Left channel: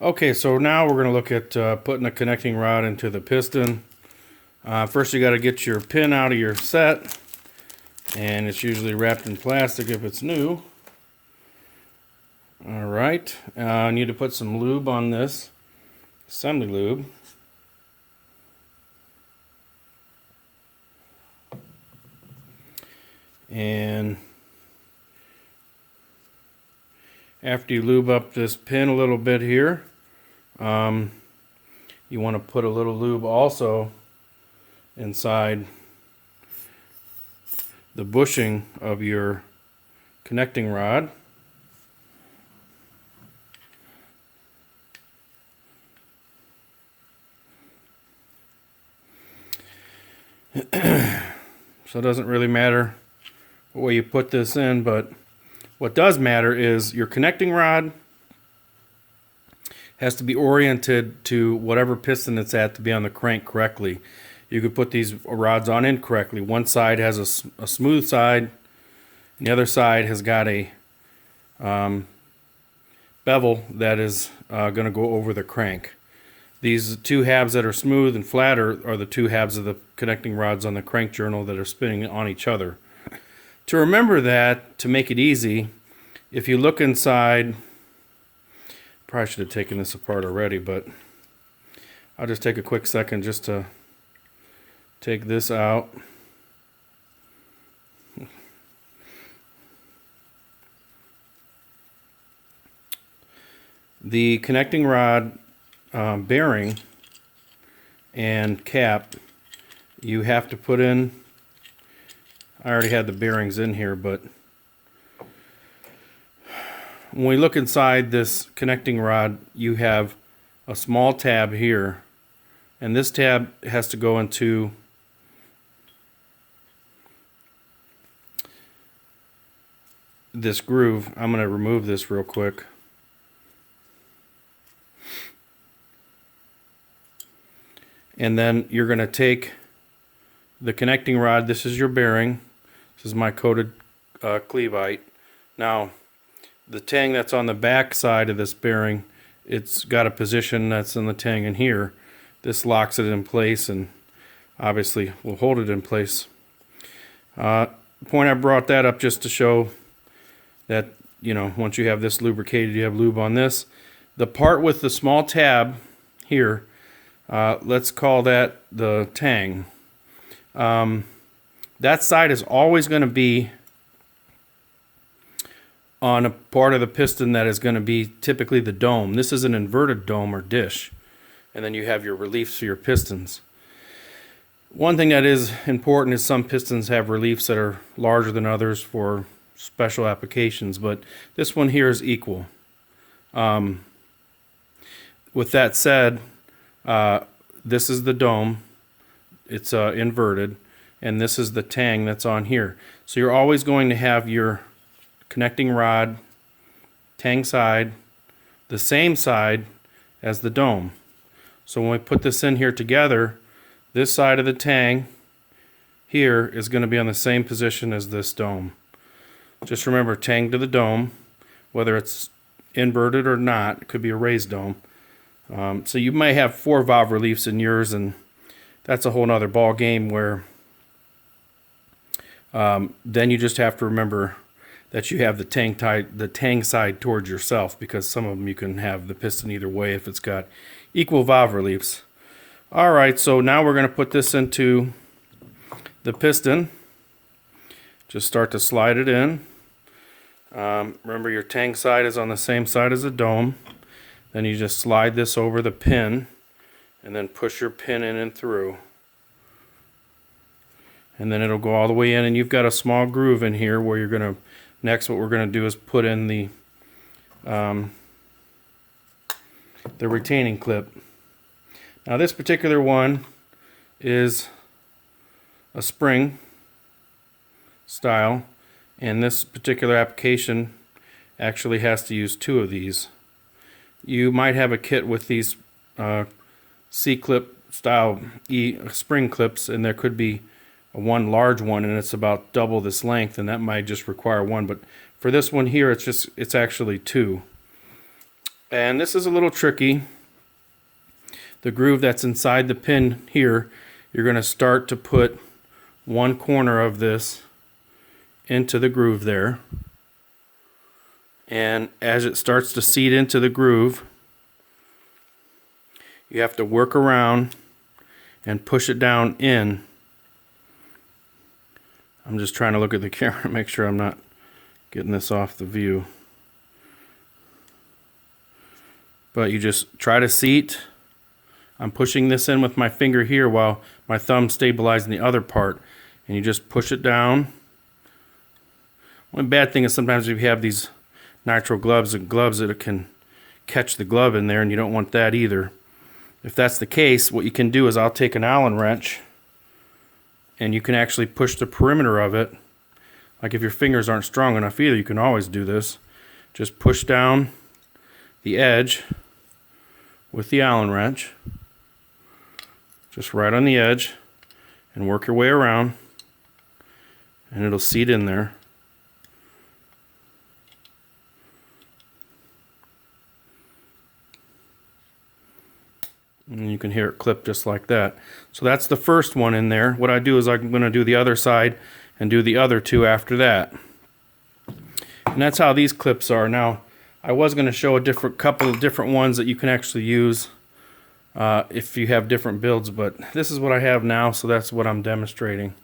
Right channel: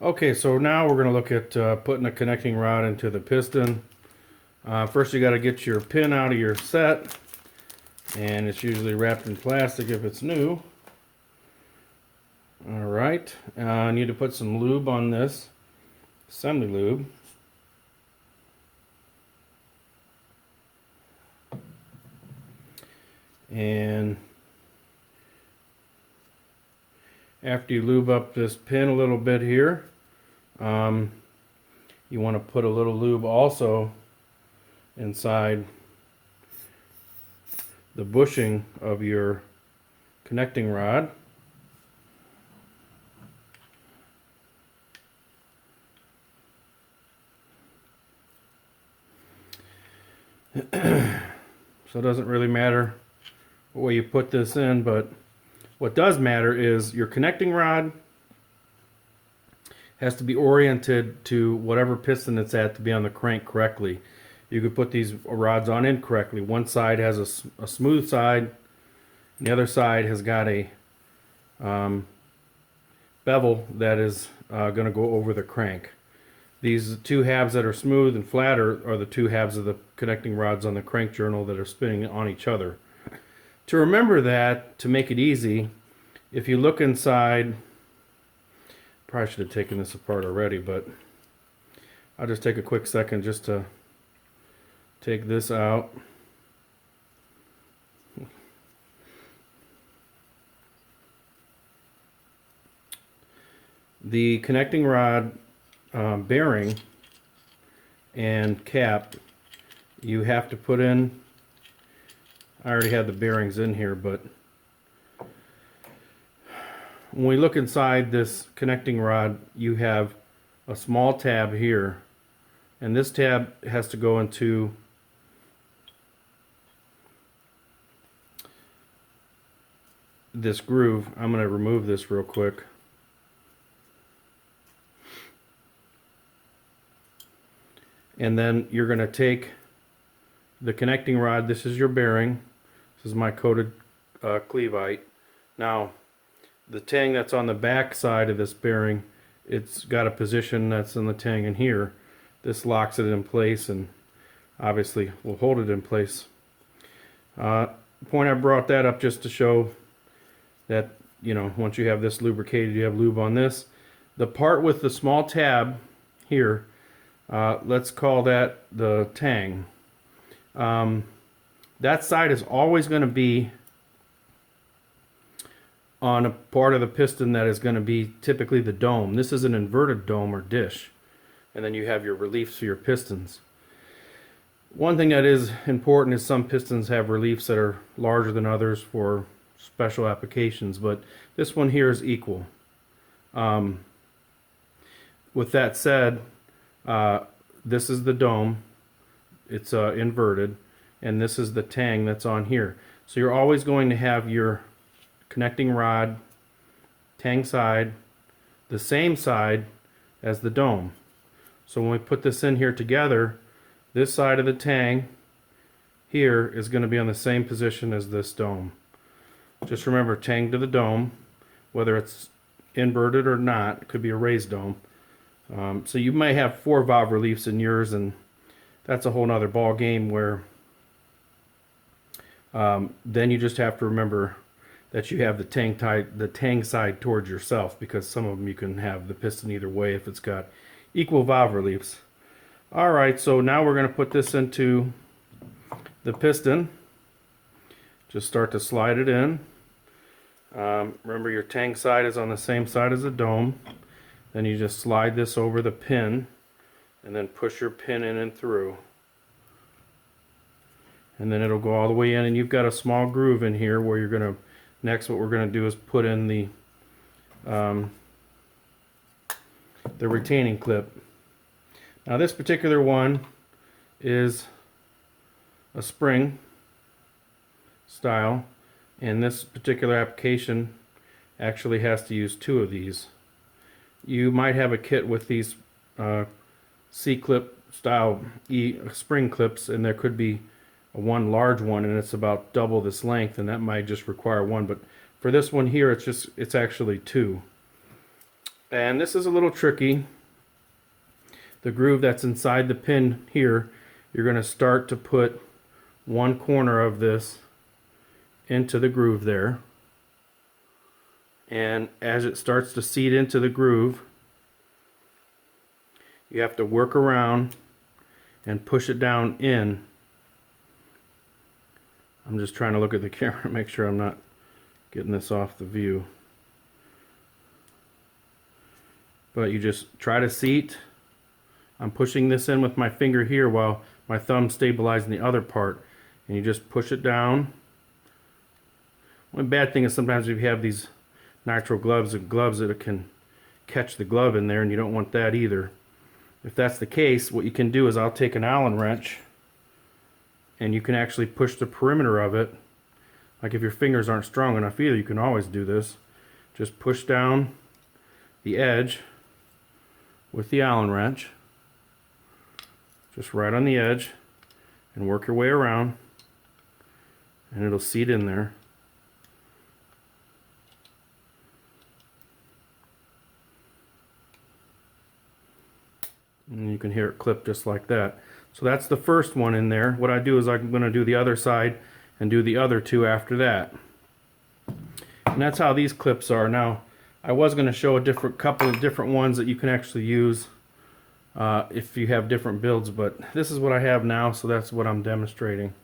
Okay, so now we're going to look at putting a connecting rod into the piston. First you got to get your pin out of your set, and it's usually wrapped in plastic if it's new. Alright, I need to put some lube on this, assembly lube. And after you lube up this pin a little bit here, you want to put a little lube also inside the bushing of your connecting rod. So it doesn't really matter what way you put this in, but what does matter is your connecting rod has to be oriented to whatever piston it's at to be on the crank correctly. You could put these rods on incorrectly. One side has a smooth side, and the other side has got a bevel that is going to go over the crank. These two halves that are smooth and flat are the two halves of the connecting rods on the crank journal that are spinning on each other. To remember that, to make it easy, if you look inside, probably should have taken this apart already, but I'll just take a quick second just to take this out. The connecting rod bearing and cap, you have to put in, I already had the bearings in here, but when we look inside this connecting rod, you have a small tab here, and this tab has to go into this groove. I'm going to remove this real quick. And then you're going to take the connecting rod. This is your bearing. This is my coated cleveite. Now, the tang that's on the back side of this bearing, it's got a position that's in the tang in here. This locks it in place and obviously will hold it in place. Point I brought that up just to show that, you know, once you have this lubricated, you have lube on this. The part with the small tab here, let's call that the tang. That side is always going to be on a part of the piston that is going to be typically the dome. This is an inverted dome or dish. And then you have your reliefs for your pistons. One thing that is important is some pistons have reliefs that are larger than others for special applications, but this one here is equal. With that said, this is the dome. It's inverted, and this is the tang that's on here. So you're always going to have your connecting rod, tang side, the same side as the dome. So when we put this in here together, this side of the tang here is going to be on the same position as this dome. Just remember, tang to the dome, whether it's inverted or not, it could be a raised dome. So you may have 4 valve reliefs in yours, and that's a whole nother ball game where then you just have to remember that you have the tang side towards yourself, because some of them you can have the piston either way if it's got equal valve reliefs. Alright, so now we're going to put this into the piston. Just start to slide it in. Remember, your tang side is on the same side as the dome. Then you just slide this over the pin and then push your pin in and through. And then it'll go all the way in, and you've got a small groove in here where you're going to, next what we're going to do is put in the retaining clip. Now this particular one is a spring style, and this particular application actually has to use 2 of these. You might have a kit with these C-clip style spring clips, and there could be one large one, and it's about double this length, and that might just require 1. But for this one here, it's actually 2. And this is a little tricky. The groove that's inside the pin here, you're going to start to put one corner of this into the groove there. And as it starts to seat into the groove, you have to work around and push it down in. I'm just trying to look at the camera to make sure I'm not getting this off the view. But you just try to seat. I'm pushing this in with my finger here while my thumb stabilizing the other part. And you just push it down. One bad thing is sometimes if you have these nitro gloves and gloves that it can catch the glove in there, and you don't want that either. If that's the case, what you can do is I'll take an Allen wrench and you can actually push the perimeter of it. Like if your fingers aren't strong enough either, you can always do this. Just push down the edge with the Allen wrench, just right on the edge, and work your way around, and it'll seat in there. And you can hear it clip just like that. So that's the first one in there. What I do is I'm going to do the other side and do the other two after that. And that's how these clips are. Now, I was going to show a couple of different ones that you can actually use if you have different builds, but this is what I have now, so that's what I'm demonstrating.